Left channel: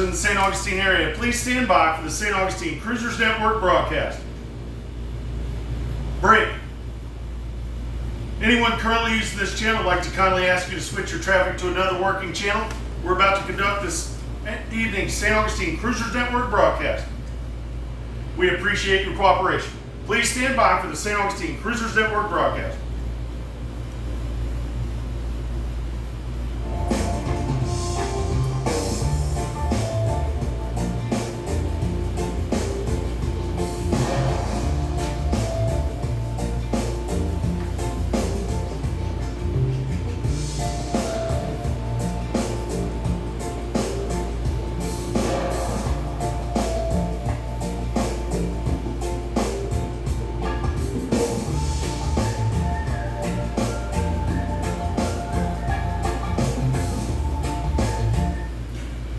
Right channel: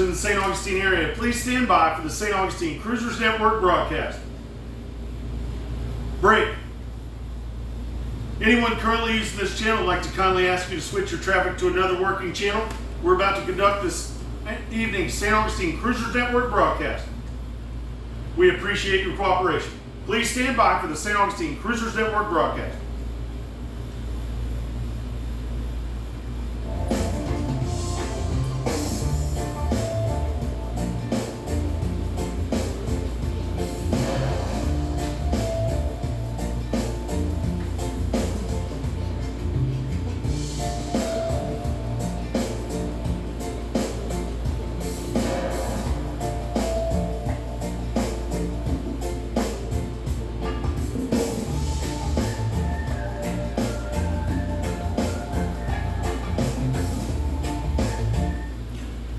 in the St. Augustine area, please stand by for the St. Augustine Cruisers Network broadcast. Break. Anyone currently using this channel would like to kindly ask you to switch your traffic to another working channel. We're about to conduct this evening's St. Augustine Cruisers Network broadcast. We appreciate your cooperation. Please stand by for the St. Augustine Cruisers Network broadcast.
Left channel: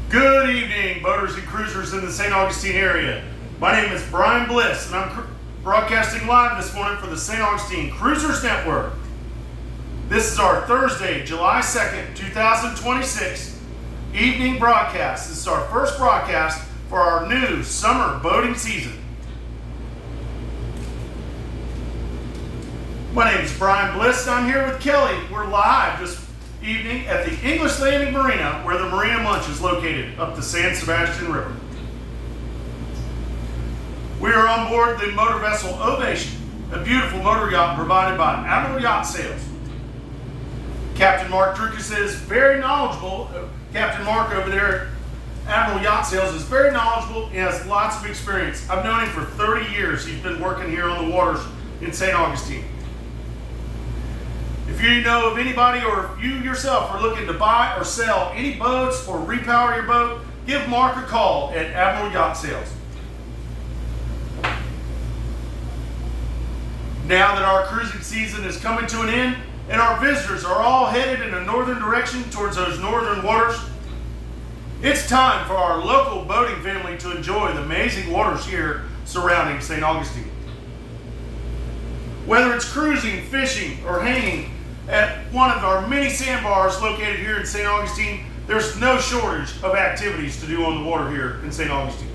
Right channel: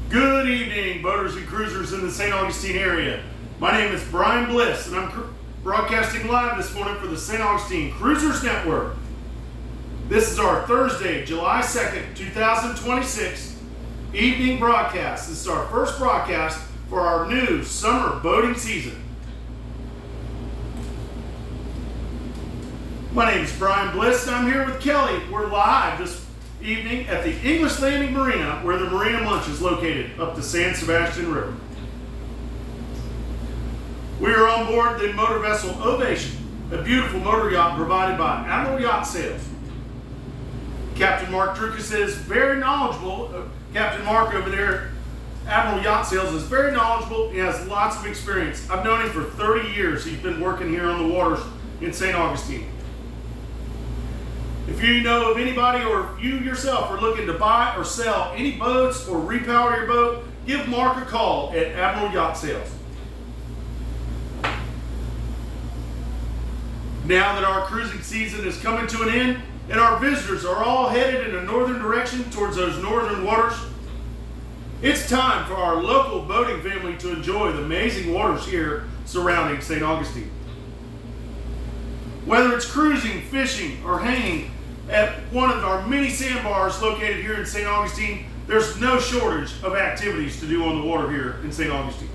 Good evening, boaters and cruisers in the St. Augustine area. My name is Brian Bliss, and I'm broadcasting live this morning for the St. Augustine Cruisers Network. This is our Thursday, July 2nd, 2026 evening broadcast. This is our first broadcast for our new summer boating season. My name is Brian Bliss, and I'm here with Kelly. We're live this evening at the English Landing Marina, where the Marina Munch is located up the San Sebastian River. We are on board the motor vessel Ovation, a beautiful motor yacht provided by Admiral Yacht Sales. Captain Mark Drukas is very knowledgeable. Captain Mark over there at Admiral Yacht Sales is very knowledgeable and has lots of experience. I've known him for 30 years. He's been working here on the waters in St. Augustine. If you know of anybody or if you yourself are looking to buy or sell any boats or repower your boat, give Mark a call at Admiral Yacht Sales. Now that our cruising season is coming to an end and our visitors are all headed in a northern direction towards those northern waters, it's time for our local boating family to enjoy the amazing waters here surrounding St. Augustine. Whether it's cruising, fishing, or hanging at one of our many sandbars located here in St. Augustine, there's no shortage of activities to do on the water here in St. Augustine.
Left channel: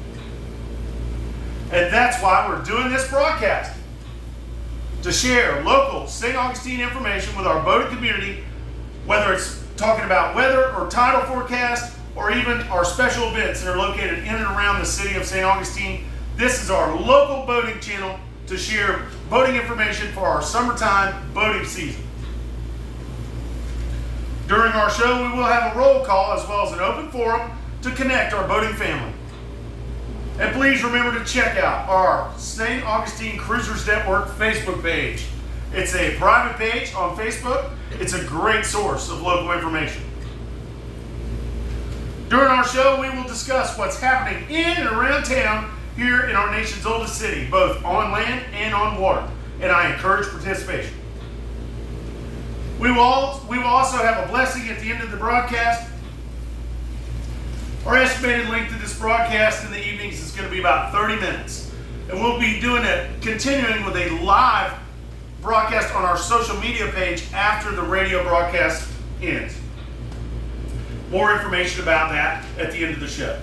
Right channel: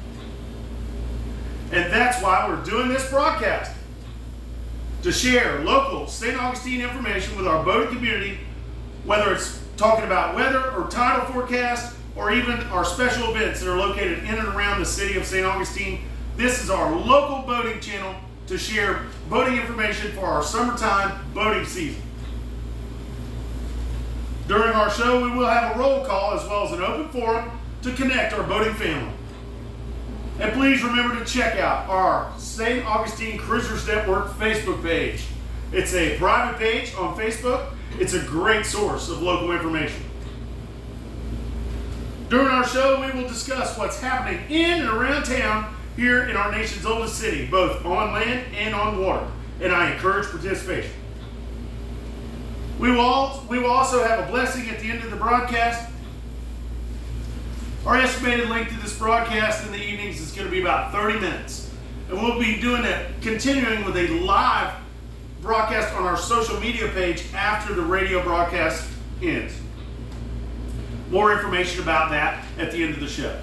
And that's why we're doing this broadcast, to share local St. Augustine information with our boating community, whether it's talking about weather or tidal forecast, or even our special events that are located in and around the city of St. Augustine. This is our local boating channel to share boating information for our summertime boating season. During our show, we will have a roll call as well as an open forum to connect our boating family. And please remember to check out our St. Augustine Cruisers Network Facebook page. It's a private page on Facebook. It's a great source of local information. During our show, we will discuss what's happening in and around town here in our nation's oldest city, both on land and on water, and I encourage participation. We will also have a blessing at the end of the broadcast. Our estimated length of this broadcast in the evenings is going to be about 30 minutes, and we'll be doing it, continuing with a live broadcast on our social media page after the radio broadcast ends. More information about that at the end of the show.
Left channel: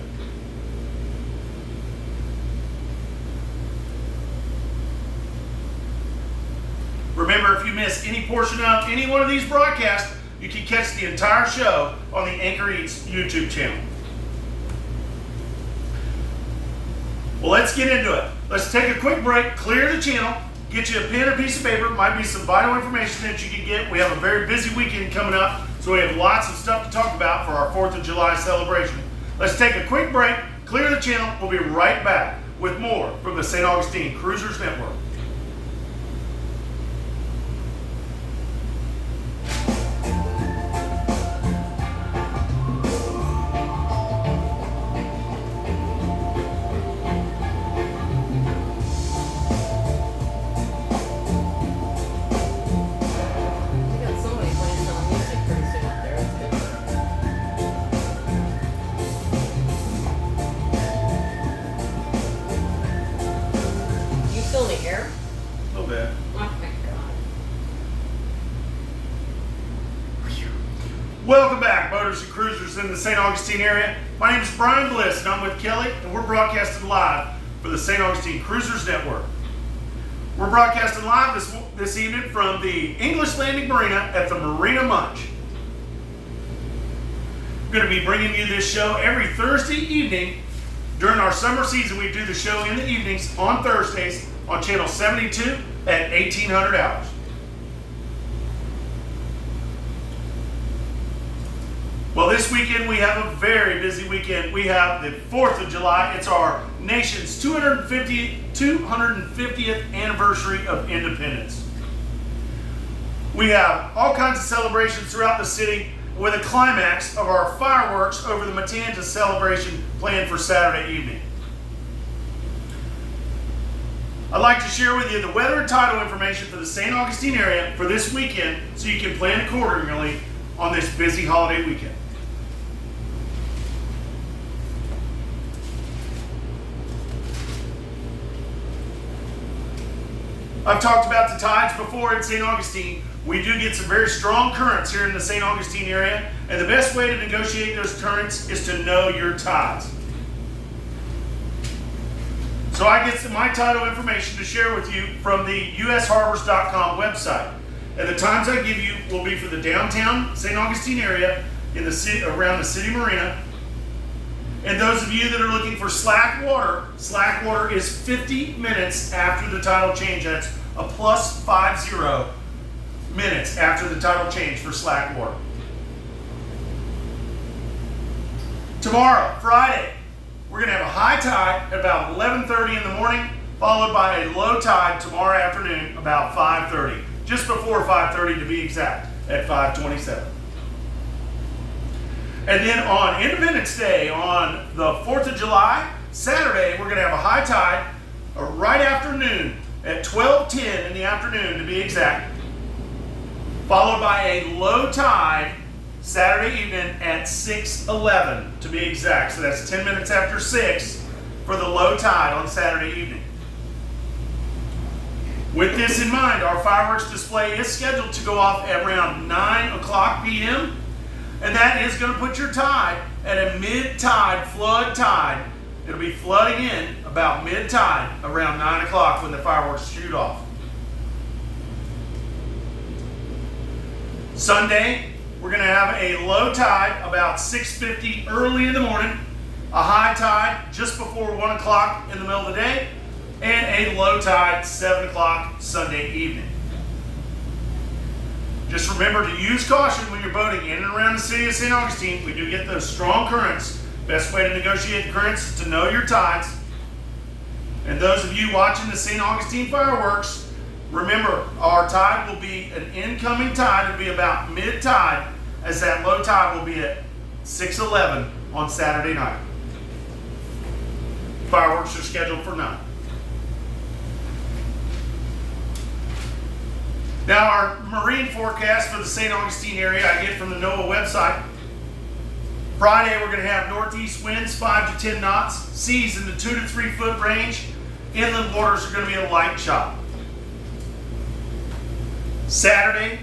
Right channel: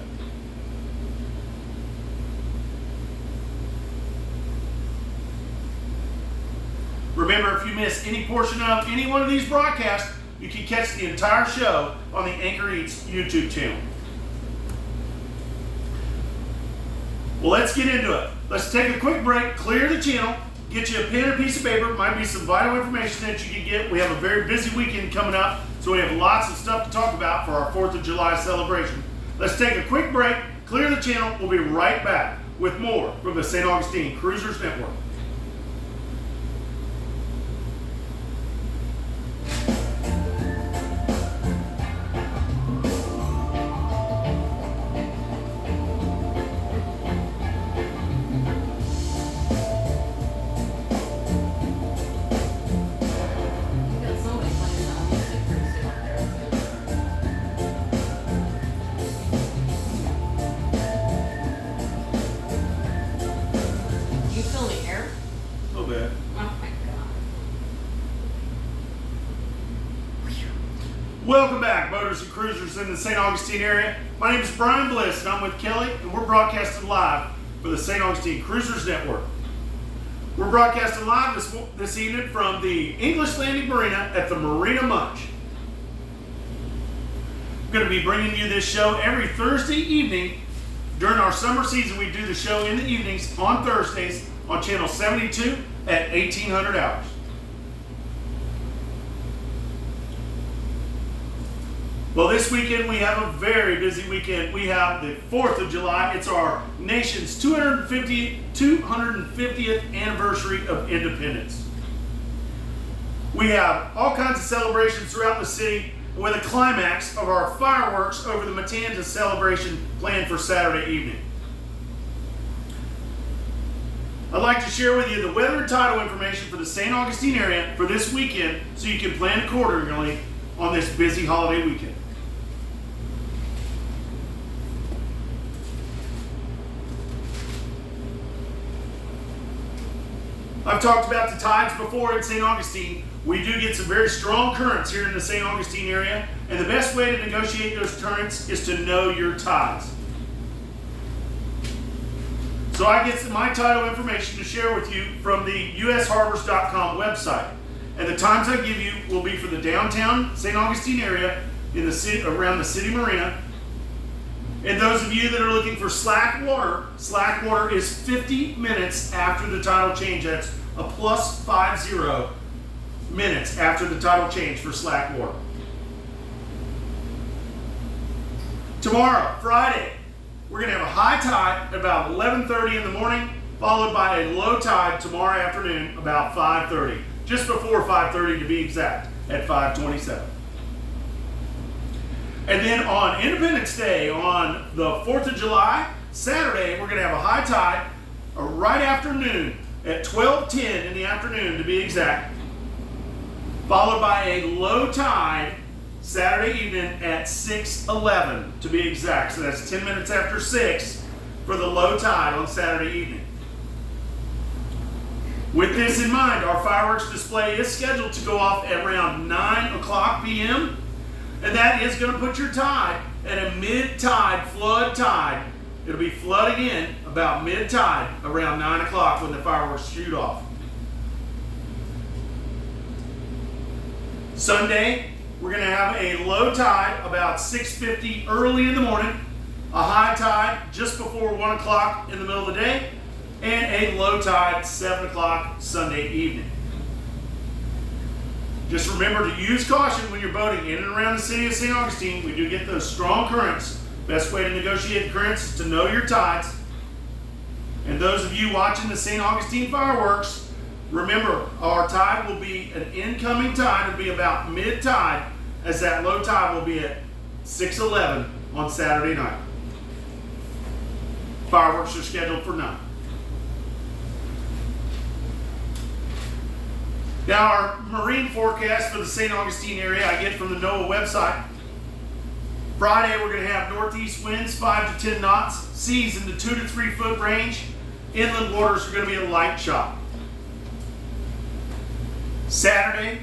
Remember, if you miss any portion of any one of these broadcasts, you can catch the entire show on the Anchor Eats YouTube channel. Well, let's get into it. Let's take a quick break, clear the channel, get you a pen or piece of paper. Might be some vital information that you can get. We have a very busy weekend coming up, so we have lots of stuff to talk about for our 4th of July celebration. Let's take a quick break, clear the channel. We'll be right back with more from the St. Augustine Cruisers Network. You still in the air? boaters and cruisers in the St. Augustine area. My name is Brian Bliss, and I'm with Kelly, and we're broadcasting live for the St. Augustine Cruisers Network. We're broadcasting live this evening from the English Landing Marina at the Marina Munch. We're going to be bringing you this show every Thursday evening. During our summer season, we do the show in the evenings on Thursdays on Channel 72 at 1800 hours. Well, this weekend we have a very busy weekend. We have the 4th of July. It's our nation's 250th anniversary of independence. We have all kinds of celebrations throughout the city with a climax of our fireworks over the Matanzas celebration planned for Saturday evening. I'd like to share with you the weather and tidal information for the St. Augustine area for this weekend so you can plan accordingly on this busy holiday weekend. I've talked about the tides before in St. Augustine. We do get some very strong currents here in the St. Augustine area, and the best way to negotiate those currents is to know your tides. So I get my tidal information to share with you from the usharbors.com website. And the times I give you will be for the downtown St. Augustine area in the city, around the city marina. And those of you that are looking for slack water is 50 minutes after the tidal change. That's a plus 50 minutes after the tidal change for slack water. Tomorrow, Friday, we're going to have a high tide at about 11:30 in the morning, followed by a low tide tomorrow afternoon about 5:30, just before 5:30 to be exact, at 5:27. And then on Independence Day, on the 4th of July, Saturday, we're going to have a high tide right afternoon at 12:10 in the afternoon to be exact, followed by a low tide Saturday evening at 6:11 to be exact. So that's 10 minutes after 6 for the low tide on Saturday evening. With this in mind, our fireworks display is scheduled to go off at around 9 o'clock p.m. And that is going to put your tide at a mid-tide flood tide. It'll be flooding in about mid-tide around 9 o'clock when the fireworks shoot off. Sunday, we're going to have a low tide about 6:50 early in the morning, a high tide just before 1 o'clock in the middle of the day, and a low tide 7 o'clock Sunday evening. Just remember to use caution when you're boating in and around the city of St. Augustine. We do get those strong currents. Best way to negotiate the currents is to know your tides. And those of you watching the St. Augustine fireworks, remember our tide will be an incoming tide. It'll be about mid-tide, as that low tide will be at 6:11 on Saturday night. Fireworks are scheduled for 9. Now, our marine forecast for the St. Augustine area I get from the NOAA website. Friday, we're going to have northeast winds 5 to 10 knots, seas in the 2 to 3 foot range. Inland waters are going to be a light chop. Saturday,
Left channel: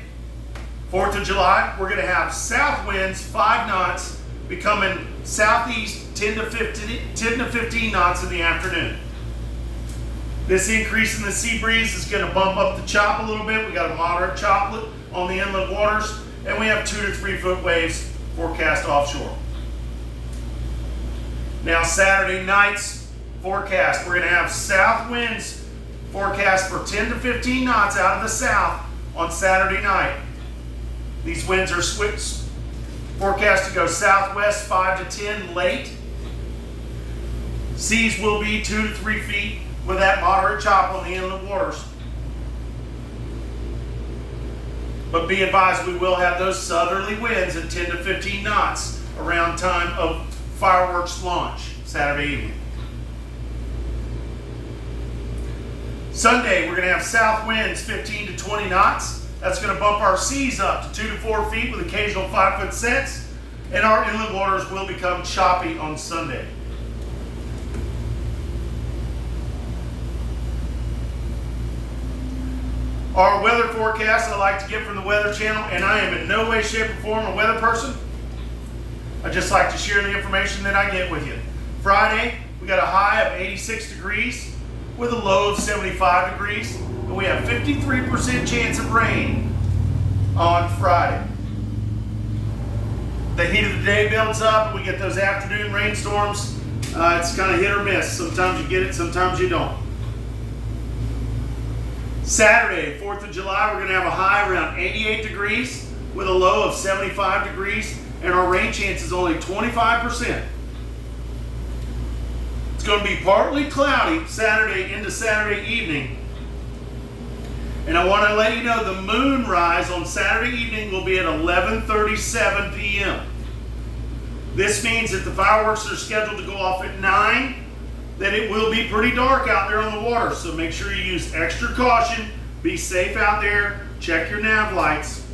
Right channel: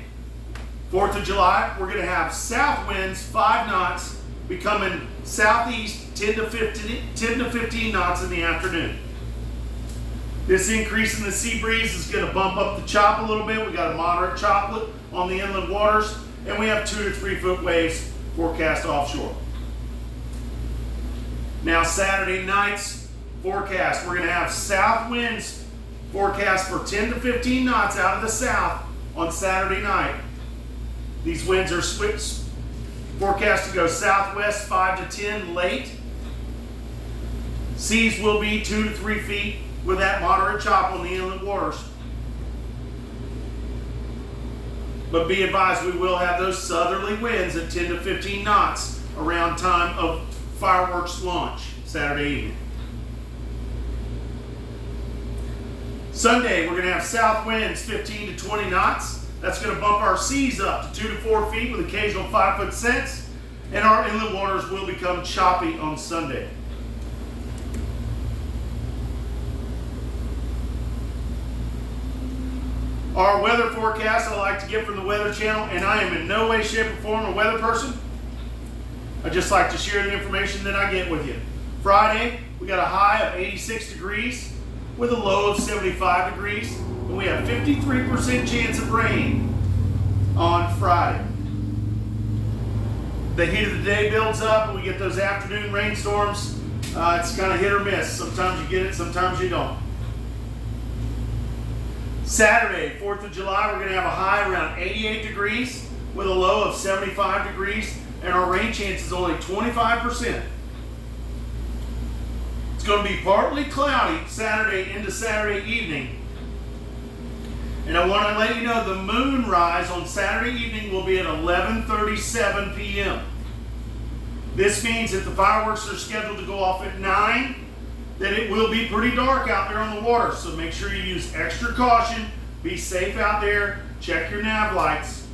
4th of July, we're going to have south winds 5 knots becoming southeast 10 to 15 knots in the afternoon. This increase in the sea breeze is going to bump up the chop a little bit. We got a moderate chop on the inland waters, and we have 2 to 3 foot waves forecast offshore. Now, Saturday night's forecast, we're going to have south winds forecast for 10 to 15 knots out of the south on Saturday night. These winds are forecast to go southwest 5 to 10 late. Seas will be 2 to 3 feet with that moderate chop on the inland waters. But be advised, we will have those southerly winds at 10 to 15 knots around time of fireworks launch Saturday evening. Sunday, we're going to have south winds 15 to 20 knots. That's going to bump our seas up to 2 to 4 feet with occasional 5-foot sets, and our inland waters will become choppy on Sunday. Our weather forecast I like to get from the Weather Channel, and I am in no way, shape, or form a weather person. I just like to share the information that I get with you. Friday, we got a high of 86 degrees with a low of 75 degrees, and we have 53% chance of rain on Friday. The heat of the day builds up and we get those afternoon rainstorms. It's kind of hit or miss. Sometimes you get it, sometimes you don't. Saturday, 4th of July, we're going to have a high around 88 degrees with a low of 75 degrees, and our rain chance is only 25%. It's going to be partly cloudy Saturday into Saturday evening. And I want to let you know the moon rise on Saturday evening will be at 11:37 p.m. This means that the fireworks are scheduled to go off at 9, that it will be pretty dark out there on the water. So make sure you use extra caution, be safe out there, check your nav lights.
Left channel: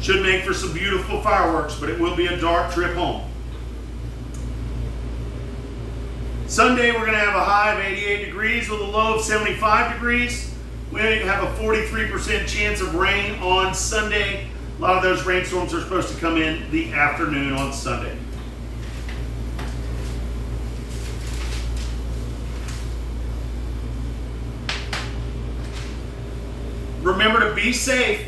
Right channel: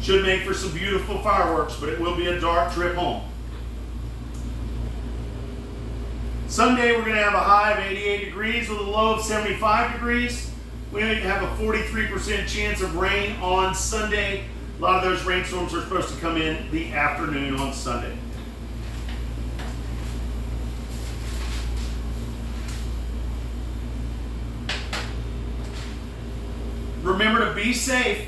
Should make for some beautiful fireworks, but it will be a dark trip home. Sunday, we're going to have a high of 88 degrees with a low of 75 degrees. We have a 43% chance of rain on Sunday. A lot of those rainstorms are supposed to come in the afternoon on Sunday. Remember to be safe.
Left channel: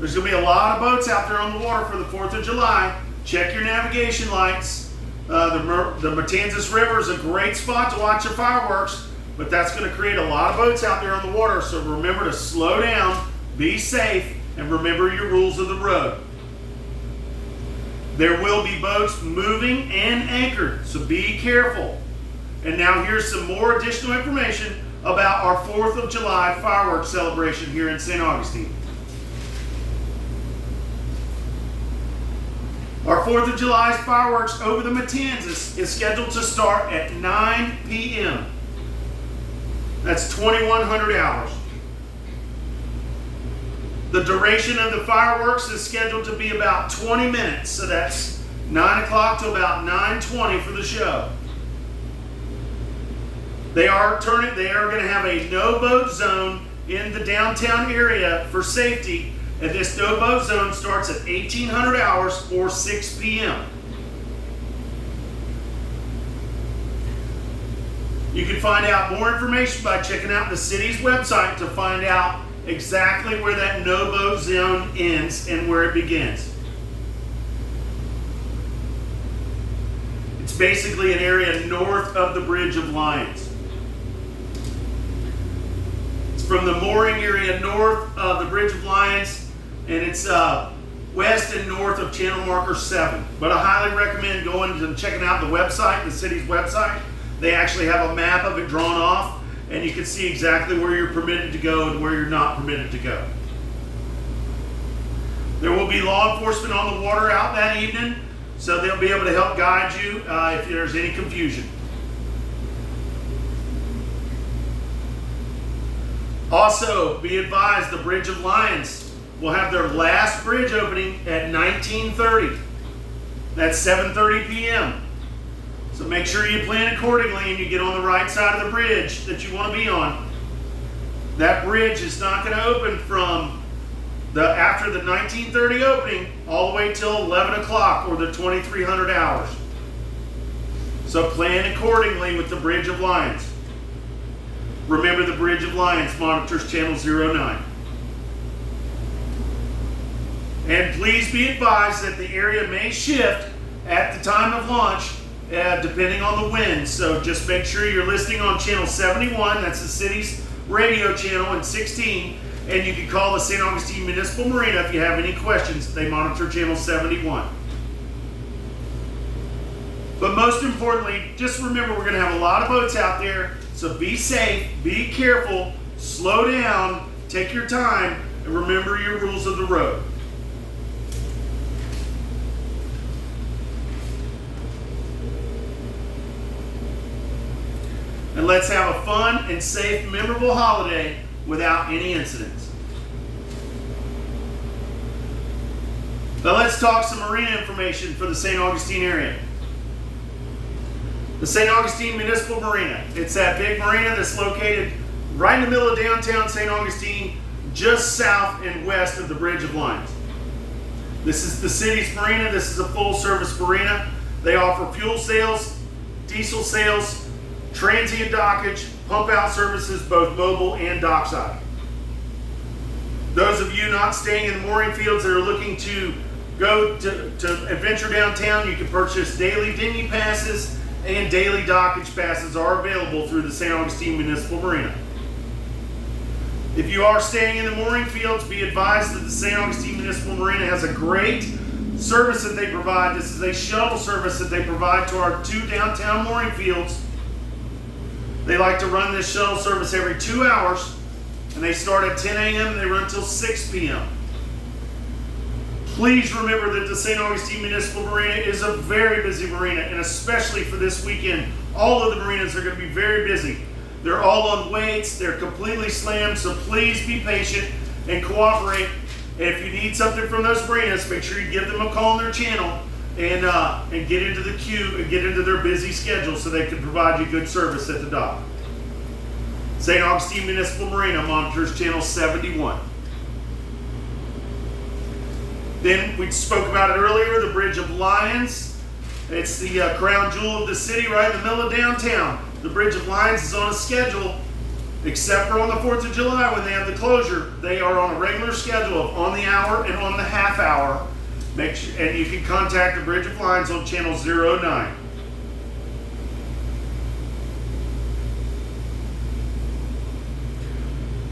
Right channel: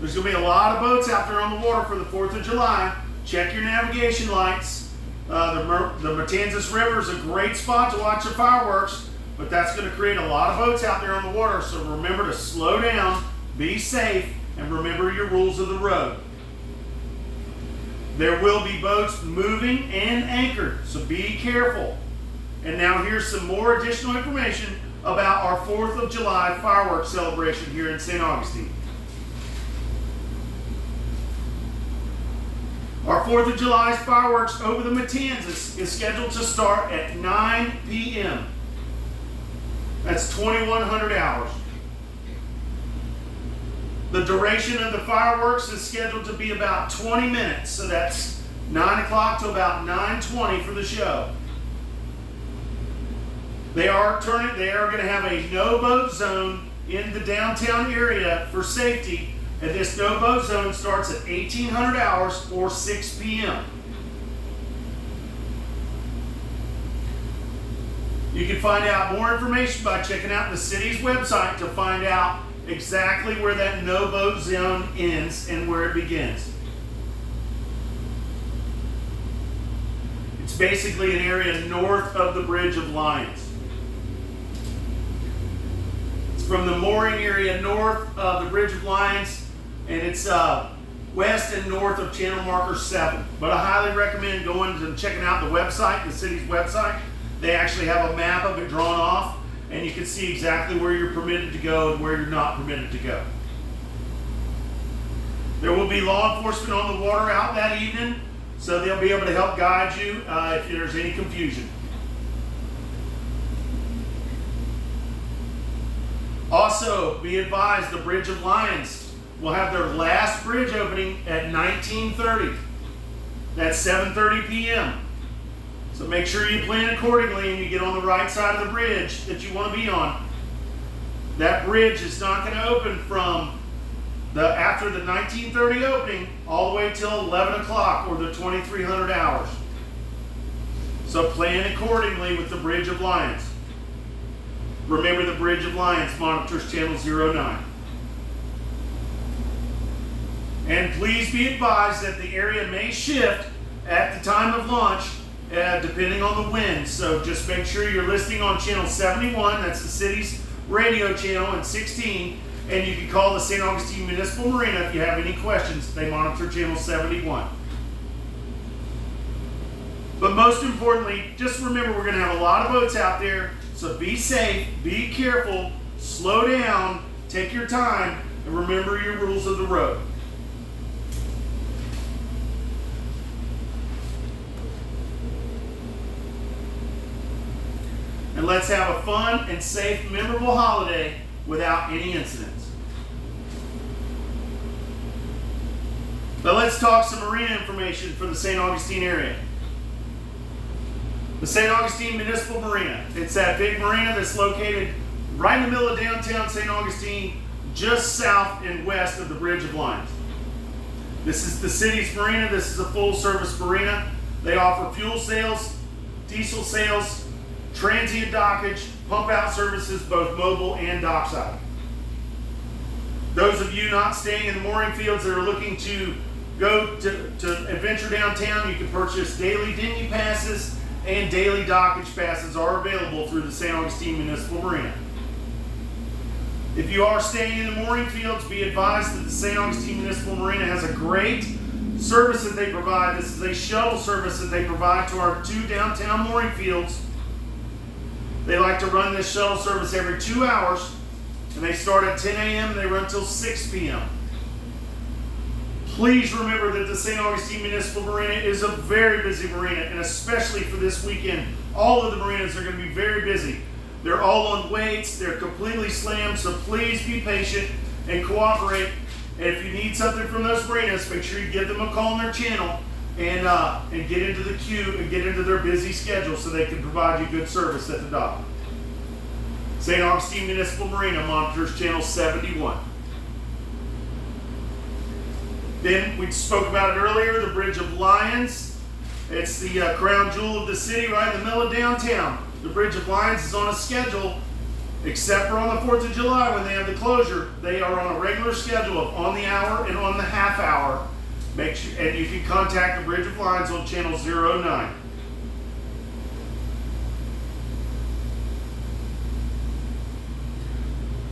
There's going to be a lot of boats out there on the water for the 4th of July. Check your navigation lights. The Matanzas River is a great spot to watch the fireworks, but that's going to create a lot of boats out there on the water. So remember to slow down, be safe, and remember your rules of the road. There will be boats moving and anchored, so be careful. And now here's some more additional information about our 4th of July fireworks celebration here in St. Augustine. Our 4th of July fireworks over the Matanzas is scheduled to start at 9 p.m. That's 2100 hours. The duration of the fireworks is scheduled to be about 20 minutes, so that's 9 o'clock to about 9:20 for the show. They are going to have a no-boat zone in the downtown area for safety, and this no-boat zone starts at 1800 hours or 6 p.m. You can find out more information by checking out the city's website to find out exactly where that no-boat zone ends and where it begins. It's basically an area north of the Bridge of Lions. It's from the mooring area north of the Bridge of Lions, and it's west and north of channel marker 7. But I highly recommend going and checking out the website, the city's website. They actually have a map of it drawn off, and you can see exactly where you're permitted to go and where you're not permitted to go. There will be law enforcement on the water out that evening, so they'll be able to help guide you if there's any confusion. Also, be advised, the Bridge of Lions will have their last bridge opening at 19:30. That's 7:30 p.m. So make sure you plan accordingly and you get on the right side of the bridge that you want to be on. That bridge is not going to open from after the 19:30 opening all the way till 11 o'clock or the 2300 hours. So plan accordingly with the Bridge of Lions. Remember, the Bridge of Lions monitors channel 09. And please be advised that the area may shift at the time of launch depending on the wind. So just make sure you're listening on channel 71, that's the city's radio channel, and 16, and you can call the St. Augustine Municipal Marina if you have any questions. They monitor channel 71. But most importantly, just remember we're going to have a lot of boats out there, so be safe, be careful, slow down, take your time, and remember your rules of the road. And let's have a fun and safe, memorable holiday without any incidents. Now let's talk some marina information for the St. Augustine area. The St. Augustine Municipal Marina. It's that big marina that's located right in the middle of downtown St. Augustine, just south and west of the Bridge of Lions. This is the city's marina. This is a full-service marina. They offer fuel sales, diesel sales, transient dockage, pump-out services, both mobile and dockside. Those of you not staying in the mooring fields that are looking to go to adventure downtown, you can purchase daily dinghy passes, and daily dockage passes are available through the St. Augustine Municipal Marina. If you are staying in the mooring fields, be advised that the St. Augustine Municipal Marina has a great service that they provide. This is a shuttle service that they provide to our 2 downtown mooring fields. They like to run this shuttle service every 2 hours, and they start at 10 a.m. and they run till 6 p.m. Please remember that the St. Augustine Municipal Marina is a very busy marina, and especially for this weekend, all of the marinas are going to be very busy. They're all on weights, they're completely slammed, so please be patient and cooperate. And if you need something from those marinas, make sure you give them a call on their channel and get into the queue and get into their busy schedule so they can provide you good service at the dock. St. Augustine Municipal Marina monitors channel 71. Then we spoke about it earlier, the Bridge of Lions. It's the crown jewel of the city right in the middle of downtown. The Bridge of Lions is on a schedule, except for on the 4th of July when they have the closure. They are on a regular schedule of on the hour and on the half hour. And you can contact the Bridge of Lions on channel 09.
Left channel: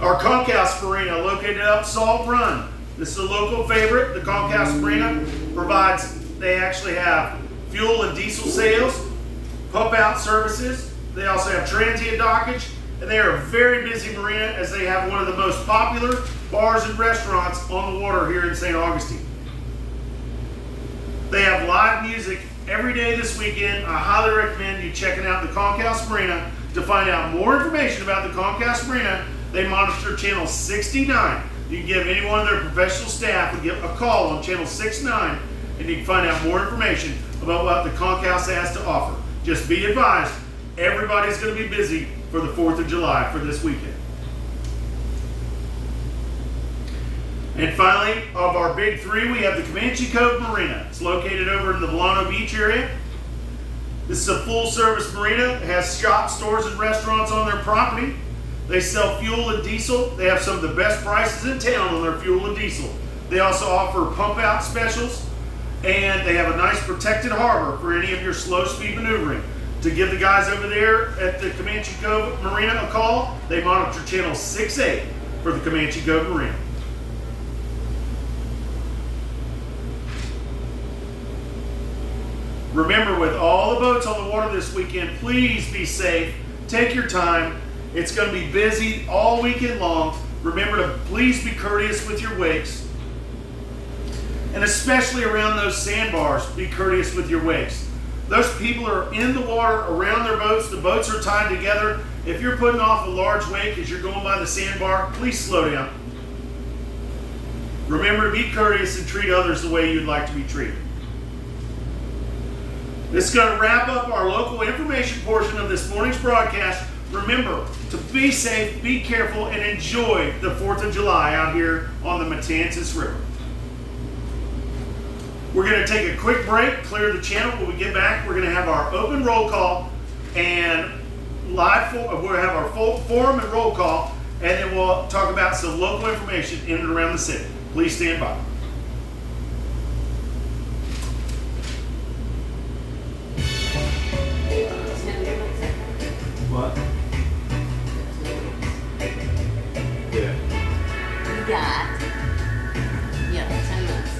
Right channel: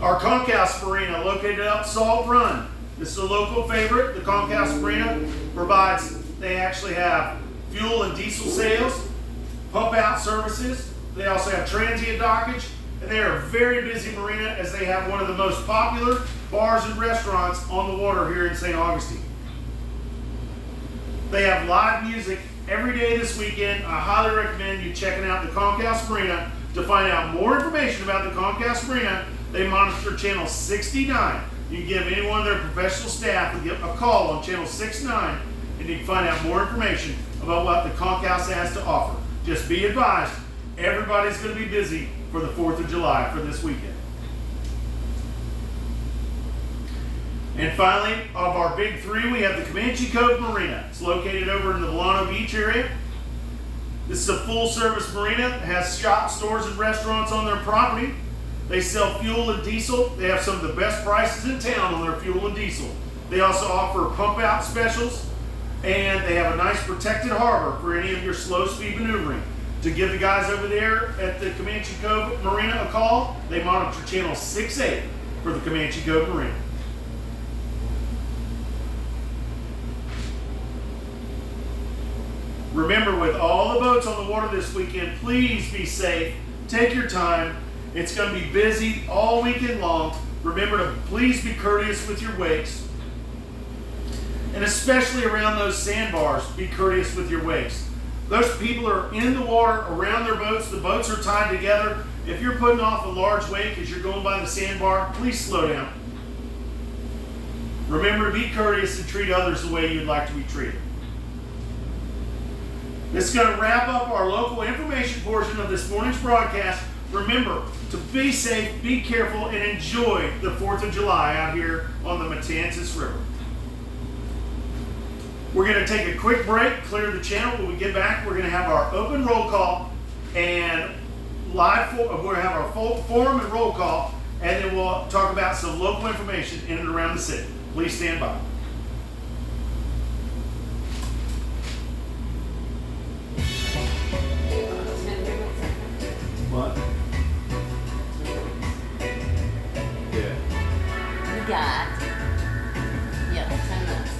Our Concourse Marina, located up Salt Run. This is a local favorite. The Concourse Marina they actually have fuel and diesel sales, pump out services. They also have transient dockage, and they are a very busy marina as they have one of the most popular bars and restaurants on the water here in St. Augustine. They have live music every day this weekend. I highly recommend you checking out the Concourse Marina. To find out more information about the Concourse Marina, they monitor channel 69. You can give any one of their professional staff a call on channel 69, and you can find out more information about what the Concourse has to offer. Just be advised, everybody's going to be busy for the 4th of July for this weekend. And finally, of our big 3, we have the Comanche Cove Marina. It's located over in the Volano Beach area. This is a full-service marina. It has shops, stores, and restaurants on their property. They sell fuel and diesel. They have some of the best prices in town on their fuel and diesel. They also offer pump-out specials, and they have a nice protected harbor for any of your slow-speed maneuvering. To give the guys over there at the Comanche Cove Marina a call, they monitor channel 68 for the Comanche Cove Marina. Remember, with all the boats on the water this weekend, please be safe. Take your time. It's going to be busy all weekend long. Remember to please be courteous with your wakes. And especially around those sandbars, be courteous with your wakes. Those people are in the water around their boats. The boats are tied together. If you're putting off a large wake as you're going by the sandbar, please slow down. Remember to be courteous and treat others the way you'd like to be treated. This is going to wrap up our local information portion of this morning's broadcast. Remember to be safe, be careful, and enjoy the 4th of July out here on the Matanzas River. We're going to take a quick break, clear the channel. When we get back, we're going to have our open roll call and we're going to have our full forum and roll call, and then we'll talk about some local information in and around the city. Please stand by. What? Yeah. We got yellow 10 minutes.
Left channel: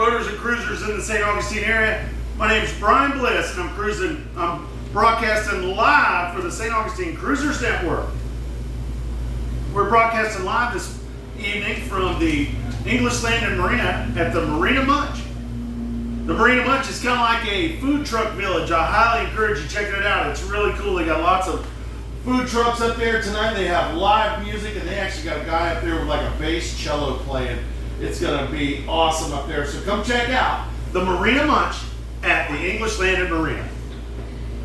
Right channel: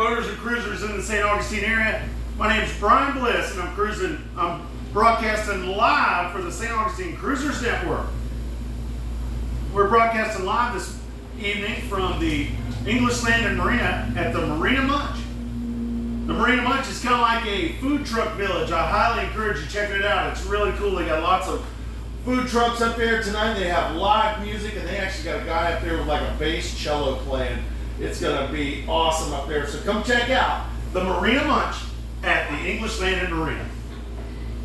boaters and cruisers in the St. Augustine area. My name is Brian Bliss, and I'm broadcasting live for the St. Augustine Cruisers Network. We're broadcasting live this evening from the English Landing Marina at the Marina Munch. The Marina Munch is kind of like a food truck village. I highly encourage you checking it out. It's really cool. They got lots of food trucks up there tonight. They have live music, and they actually got a guy up there with like a bass cello playing. It's going to be awesome up there. So come check out the Marina Munch at the English Landing Marina.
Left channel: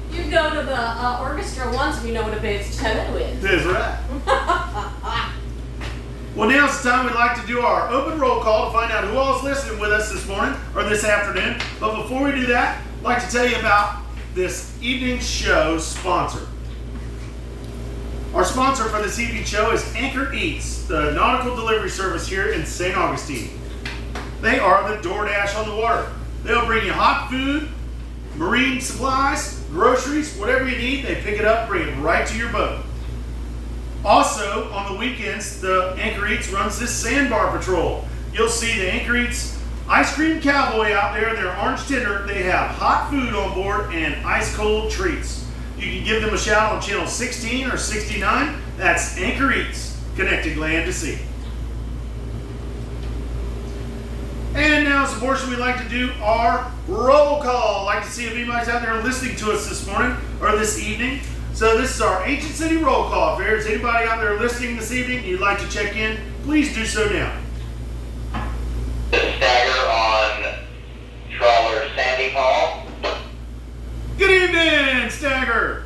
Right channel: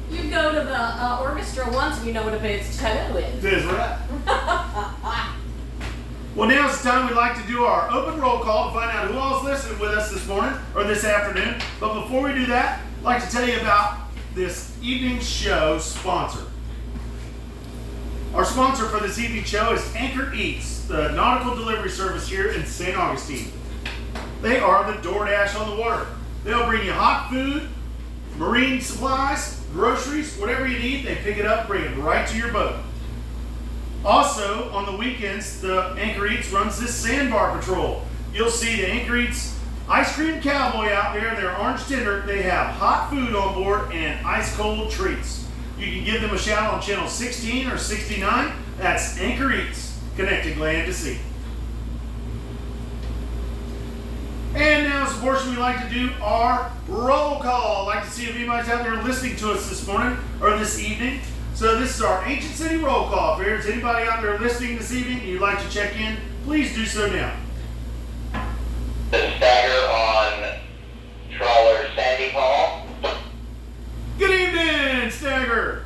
You go to the orchestra once and you know what a bass cello is. That's right. Well, now's the time we'd like to do our open roll call to find out who all's listening with us this morning or this afternoon. But before we do that, I'd like to tell you about this evening's show sponsor. Our sponsor for this evening's show is Anchor Eats, the nautical delivery service here in St. Augustine. They are the DoorDash on the water. They'll bring you hot food, marine supplies, groceries, whatever you need. They pick it up, bring it right to your boat. Also, on the weekends, the Anchor Eats runs this sandbar patrol. You'll see the Anchor Eats Ice Cream Cowboy out there, their orange tender. They have hot food on board and ice cold treats. You can give them a shout on channel 16 or 69. That's Anchor Eats, connecting land to sea. And now is the portion we like to do our roll call. I'd like to see if anybody's out there listening to us this morning or this evening. So this is our Ancient City roll call. If there's anybody out there listening this evening and you'd like to check in, please do so now. The stagger on trawler Sandy Paul. Good evening, Stagger.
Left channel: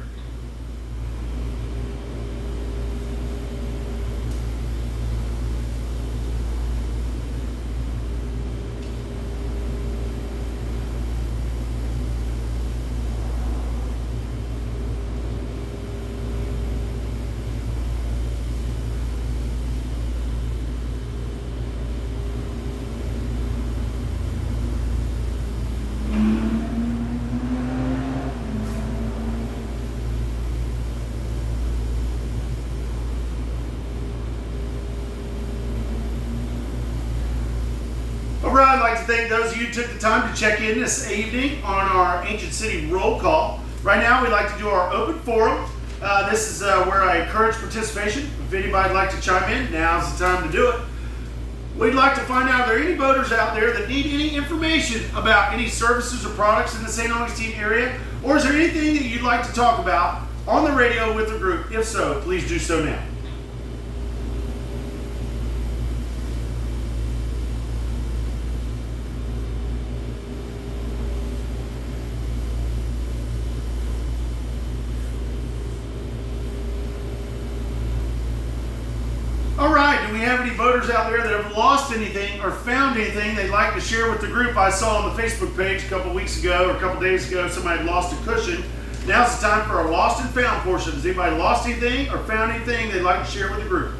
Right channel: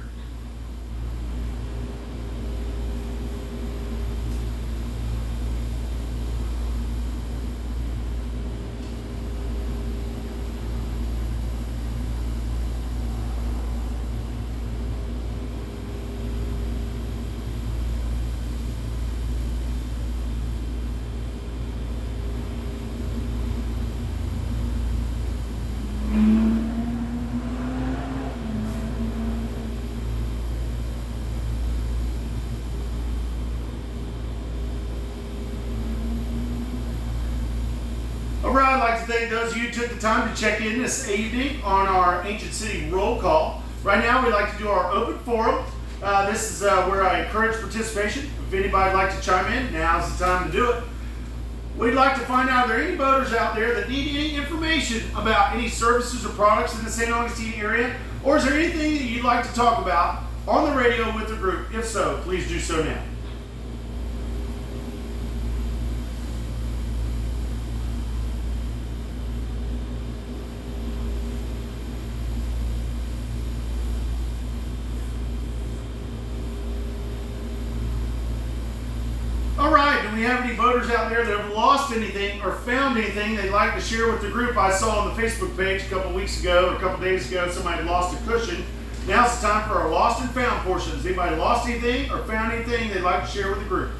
I'd like to thank those of you who took the time to check in this evening on our Ancient City roll call. Right now, we'd like to do our open forum. This is where I encourage participation. If anybody'd like to chime in, now's the time to do it. We'd like to find out, are there any boaters out there that need any information about any services or products in the St. Augustine area? Or is there anything that you'd like to talk about on the radio with the group? If so, please do so now. All right, do we have any boaters out there that have lost anything or found anything they'd like to share with the group? I saw on the Facebook page a couple weeks ago or a couple days ago somebody had lost a cushion. Now's the time for our lost and found portion. Has anybody lost anything or found anything they'd like to share with the group?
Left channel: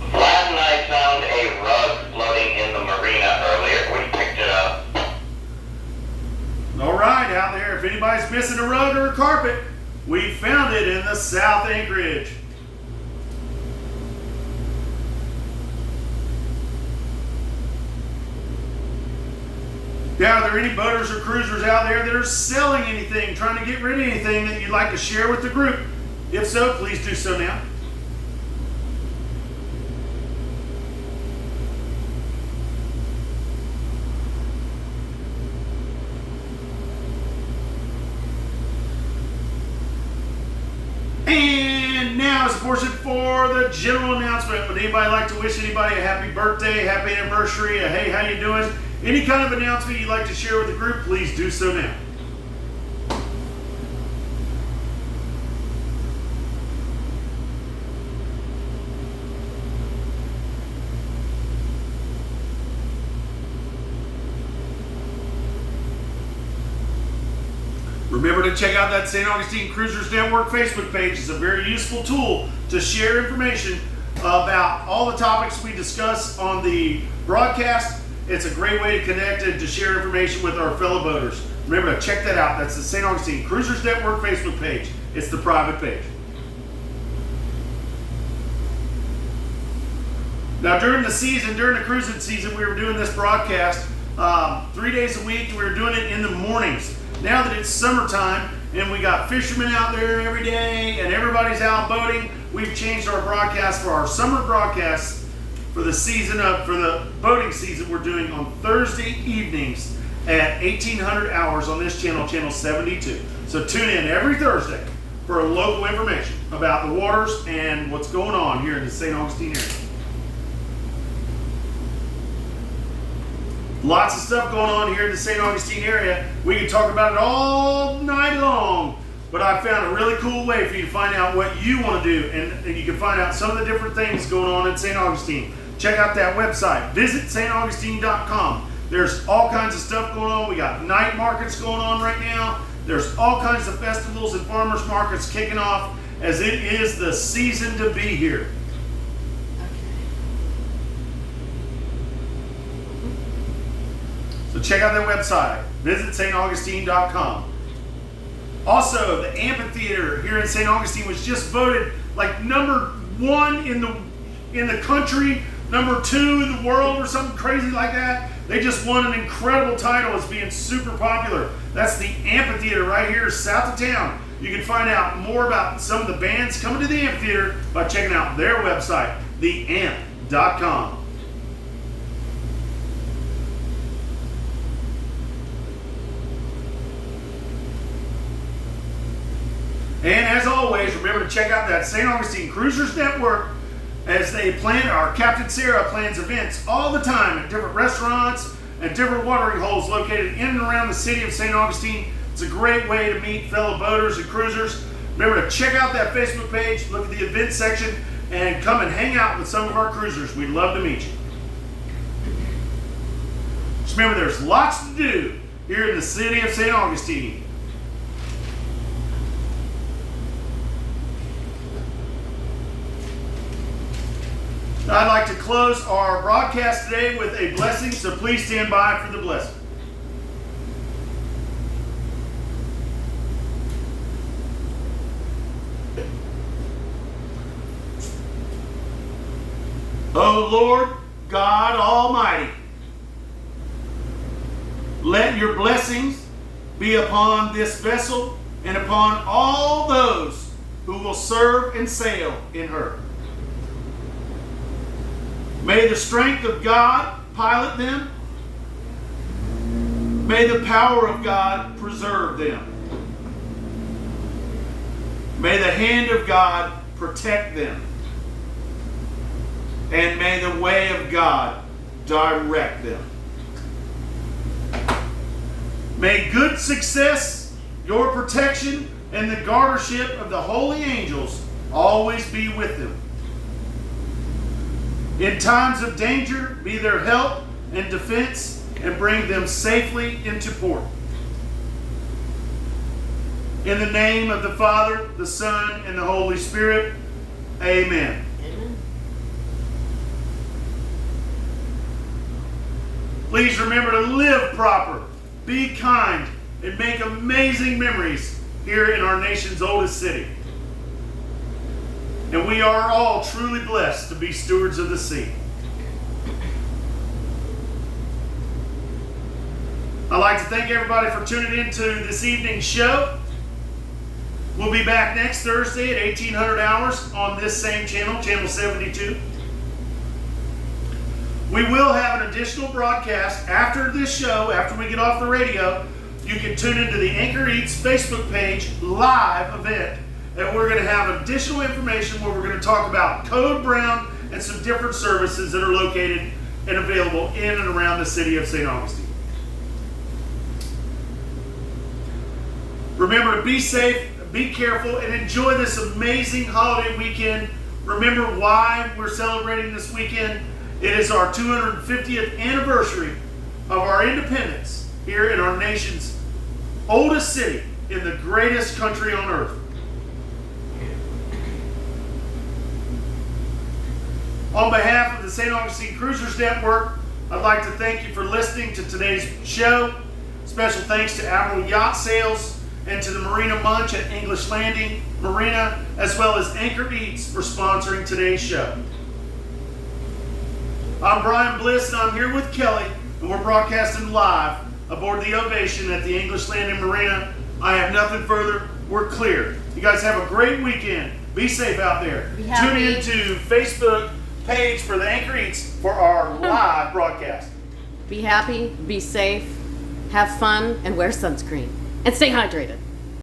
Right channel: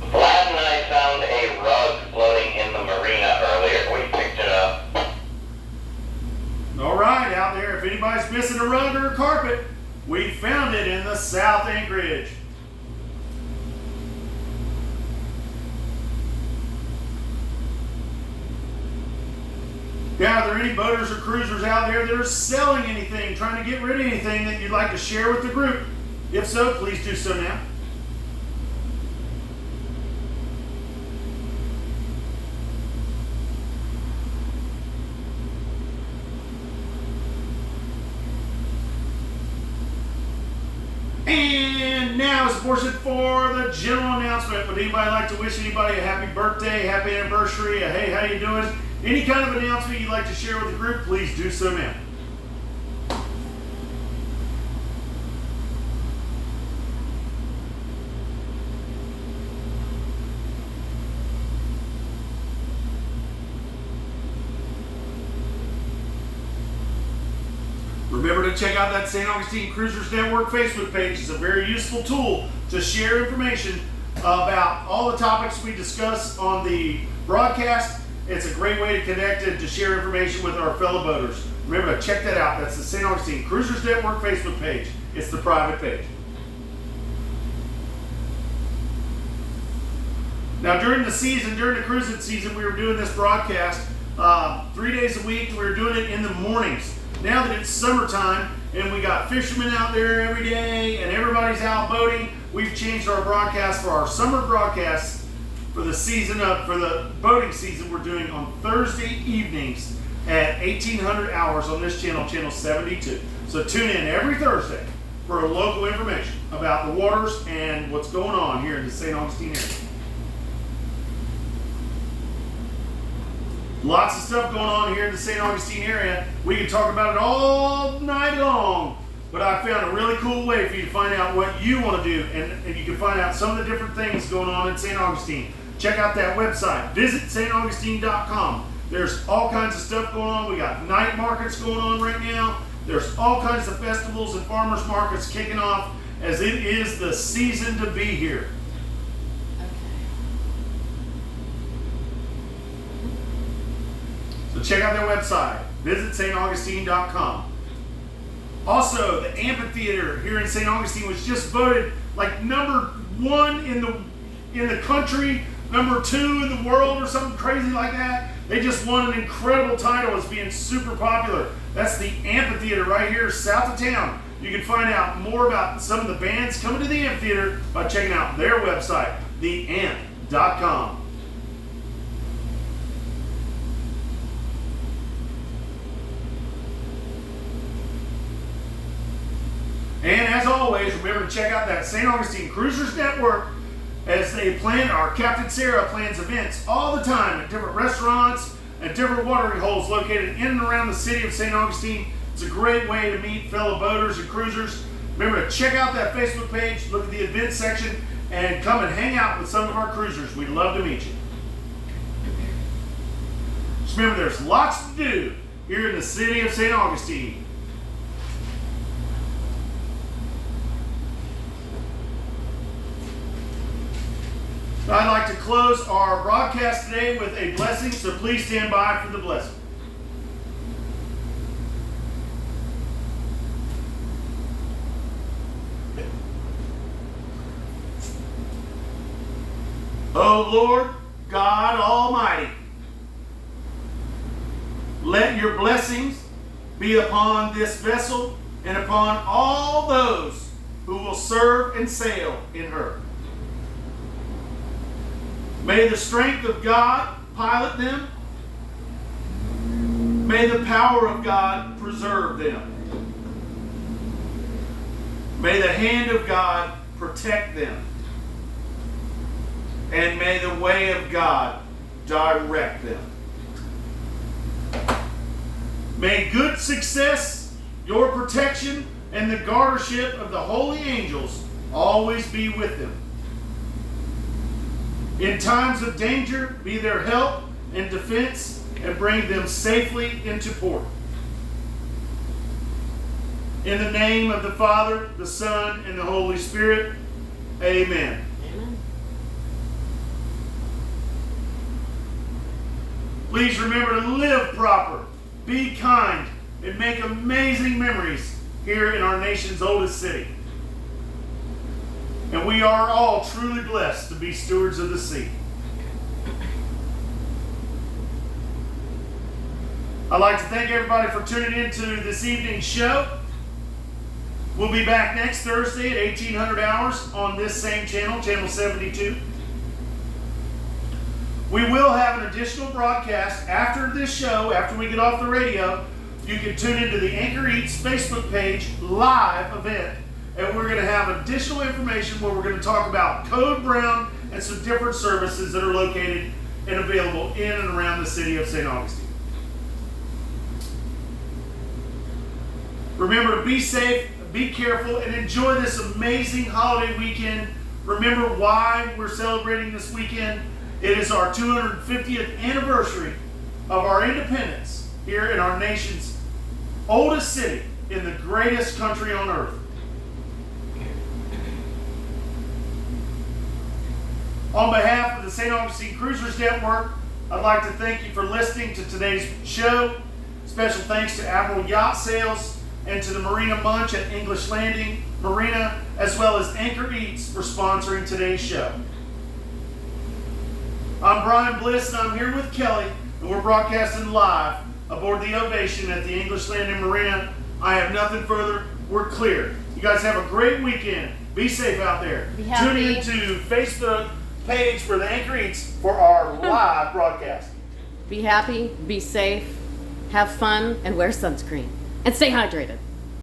Vlad and I found a rug floating in the marina earlier. We picked it up. All right, out there, if anybody's missing a rug or a carpet, we found it in the South Anchorage. Now, are there any boaters or cruisers out there that are selling anything, trying to get rid of anything that you'd like to share with the group? If so, please do so now. And now is the portion for the general announcement. Would anybody like to wish anybody a happy birthday, happy anniversary, a hey, how you doing? Any kind of announcement you'd like to share with the group, please do so now. Remember to check out that St. Augustine Cruisers Network Facebook page. It's a very useful tool to share information about all the topics we discuss on the broadcast. It's a great way to connect and to share information with our fellow boaters. Remember to check that out. That's the St. Augustine Cruisers Network Facebook page. It's the private page. Now during the season, during the cruising season, we were doing this broadcast 3 days a week. We were doing it in the mornings. Now that it's summertime and we got fishermen out there every day and everybody's out boating, we've changed our broadcast for our summer broadcasts for the boating season. We're doing on Thursday evenings at 1800 hours on this channel, channel 72. So tune in every Thursday for local information about the waters and what's going on here in the St. Augustine area. Lots of stuff going on here in the St. Augustine area. We could talk about it all night long, but I found a really cool way for you to find out what you want to do, and you can find out some of the different things going on in St. Augustine. Check out that website. Visit staugustine.com. There's all kinds of stuff going on. We got night markets going on right now. There's all kinds of festivals and farmers markets kicking off as it is the season to be here. So check out their website. Visit staugustine.com. Also, the amphitheater here in St. Augustine was just voted like number 1 in the country, number 2 in the world, or something crazy like that. They just won an incredible title as being super popular. That's the amphitheater right here south of town. You can find out more about some of the bands coming to the amphitheater by checking out their website, theamp.com. And as always, remember to check out that St. Augustine Cruisers Network as they plan, our Captain Sarah plans events all the time at different restaurants and different watering holes located in and around the city of St. Augustine. It's a great way to meet fellow boaters and cruisers. Remember to check out that Facebook page, look at the event section, and come and hang out with some of our cruisers. We'd love to meet you. Just remember, there's lots to do here in the city of St. Augustine. I'd like to close our broadcast today with a blessing, so please stand by for the blessing. O Lord God Almighty, let your blessings be upon this vessel and upon all those who will serve and sail in her. May the strength of God pilot them. May the power of God preserve them. May the hand of God protect them. And may the way of God direct them. May good success, your protection, and the guardianship of the holy angels always be with them. In times of danger, be their help and defense, and bring them safely into port. In the name of the Father, the Son, and the Holy Spirit, amen. Amen. Please remember to live proper, be kind, and make amazing memories here in our nation's oldest city. And we are all truly blessed to be stewards of the sea. I'd like to thank everybody for tuning in to this evening's show. We'll be back next Thursday at 1800 hours on this same channel, channel 72. We will have an additional broadcast after this show, after we get off the radio. You can tune into the Anchor Eats Facebook page live event. And we're going to have additional information where we're going to talk about Code Brown and some different services that are located and available in and around the city of St. Augustine. Remember to be safe, be careful, and enjoy this amazing holiday weekend. Remember why we're celebrating this weekend. It is our 250th anniversary of our independence here in our nation's oldest city in the greatest country on earth. On behalf of the St. Augustine Cruisers Network, I'd like to thank you for listening to today's show. Special thanks to Admiral Yacht Sales and to the Marina Munch at English Landing Marina, as well as Anchor Eats for sponsoring today's show. I'm Brian Bliss, and I'm here with Kelly, and we're broadcasting live aboard the Ovation at the English Landing Marina. I have nothing further. We're clear. You guys have a great weekend. Be safe out there. Be Tune happy. in to Facebook page for the Anchor Eats for our live broadcast. Be happy, be safe, have fun, and wear sunscreen. And stay hydrated.